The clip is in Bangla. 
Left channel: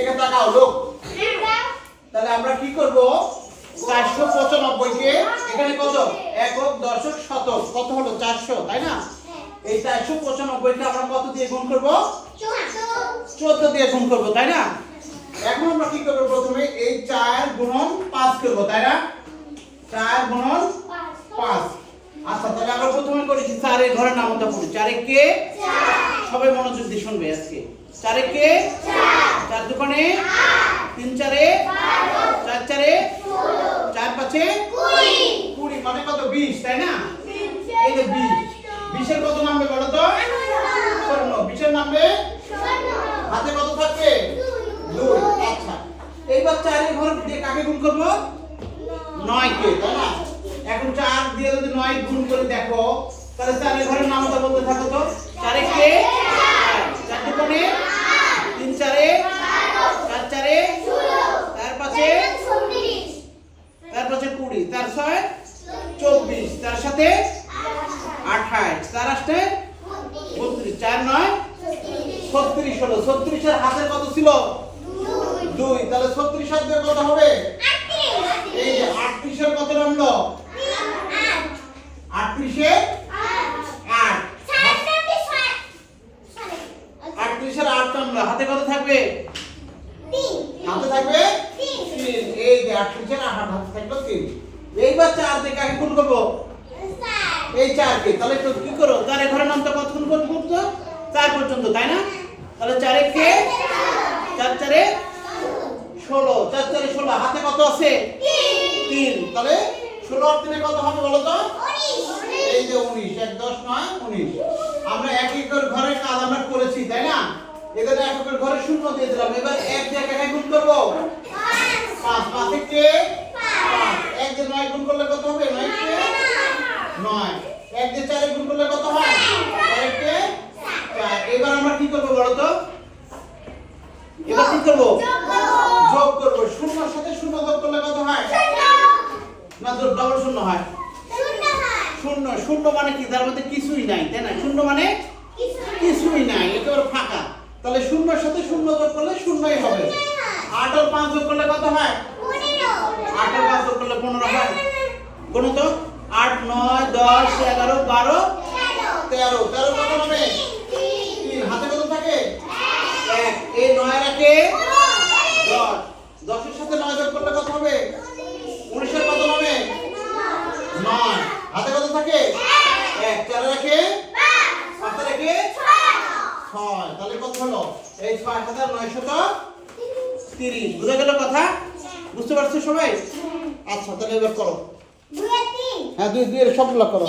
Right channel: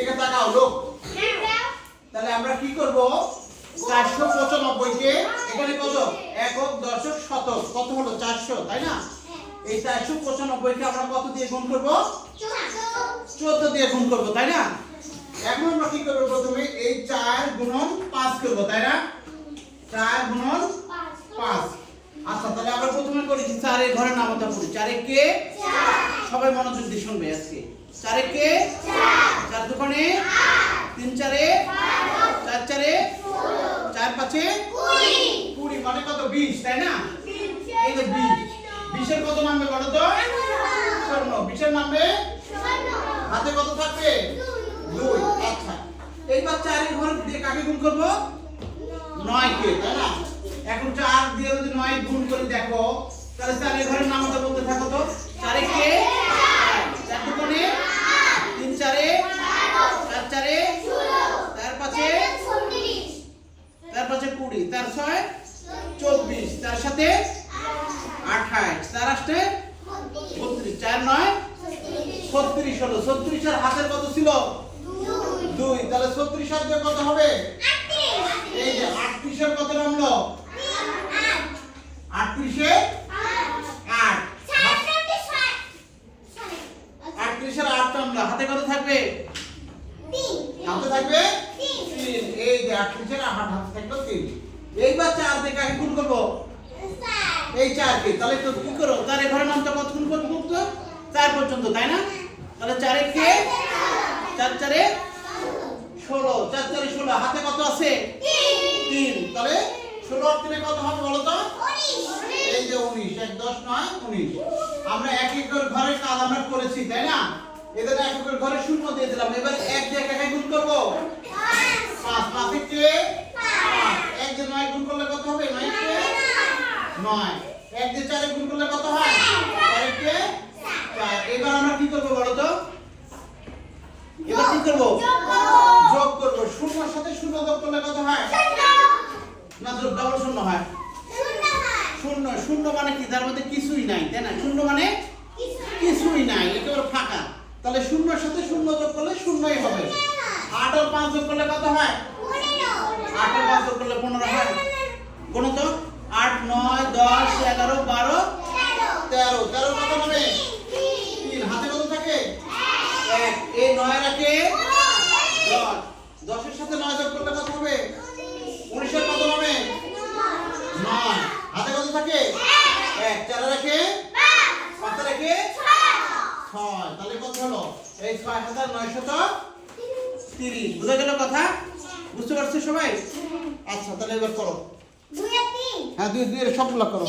এখানে তাকাও লোক। তাহলে আমরা কি করব? 495 কে এখানে কত? একক, দশক, শতক কত হলো? 400, তাই না? এই 495 কে আমরা কত দিয়ে গুণ করব? 14 দিয়ে গুণ করব, তাই না? এখন আমরা কি করব? প্রথমে এই 4 গুণন 5 করব, তাই না? 4 গুণন 5। আচ্ছা, তাহলে আমরা প্রথমে করেছি 4 এর ঘরের নামটা পড়ি। 4 এ কে? 4। সবাই মনোযোগ দিয়ে শুনবে আজকে। 4 এ কে? 4। 4 দুগুণে 3 4 এ 4 4 এ 4 5 এ 20 মানে কত? 20, তাই না? এই যে 20, 20 এর কত নামবে বলো তো? 54। 20 এর নামবে হাতে কত থাকবে? 2। আচ্ছা, এইবার 4 এর ঘর দিয়ে কাকে গুণ করব? 9 কে, তাই না? এখন 4 দিয়ে যদি 9 গুণ করে দেখো, তাহলে 4 এর ঘরের নামটা বলতে থাকো তো। 4 এ কে? 4 দুগুণে 3 4 এ 4 4 এ 4 5 এ 4 5 এ 20, 4 6 24, তার সাথে 28, 4 8 32, 4 9 36 হলো। 36 এর হাতের কত ছিল? 2। তাহলে 36 হাত দিয়ে কত হবে? এই যে 38 এর কত নামলো? 38 এ 8। 38 এর 8 নামলো। হাতে কত থাকবে? 3। হাতে থাকবে 3। এই যে 38 এর 8 হাতে থাকলো 3। এইবার 4 দিয়ে কাকে গুণ করব? 4। এই 4 কে। তাহলে একটু কি করো? 4 এর ঘরের নামটা কত গুণ করব? 4 পর্যন্ত, তাই না? তাহলে 4 এ কে? 4 4 এ 16, 4 4 এ 16, হাতে কত আছে? 3। তাহলে 16 আর 3 কত হবে বলো তো? 19। এই যে 19, 1 10 9 19। আমরা এক একের ঘরের কাজ আমরা করেছি, তাই না? এখানে এক একের ঘরে শূন্য দিয়ে দিলাম। এবার 1 দিয়ে কাকে গুণ করব? 5। 5 এ কে? 5। 1 দিয়ে 9 গুণ করলে কত হবে? 9 কে 9। 1 দিয়ে 4 এ গুণ করলে কত হয়? 4 এ কে 4। এবার আমরা কি করব বলো তো? এবার কি করব? যোগ করব। শূন্যর সাথে শূন্য যোগ করলে কত হয়? না, যোগ ডাবল শূন্য হয়। শূন্য। শূন্য মানে কি? তার মধ্যে কিছুই নাই, তাই না? শূন্য মানে কিছুই নাই, একেবারে ফাঁকা। তাহলে শূন্যর সাথে শূন্য যোগ করলে শূন্যই হবে। 8 আর 5 যোগ করলে কত হয়? 8 আর 5 যোগ করলে 15 হয়। গুণ তো 8 9 10 11 12 13। 13 কত হবে? 3। হাতে কত থাকে? 1। এই 9 রাখে 10। 10 এর সাথে 9 যোগ করলে কত হবে? 19 এর কত হবে? 9। হাতে কত থাকে? 1। 4 রাখে 5 রাখে 6। তাহলে কত হলো? এই 6930। বুঝা গেল কথা? বুঝতে পারছো সবাই? আচ্ছা, তাহলে এবার করো। 2 আর 3। হ্যাঁ, 2 2 এর সবগুলো করো।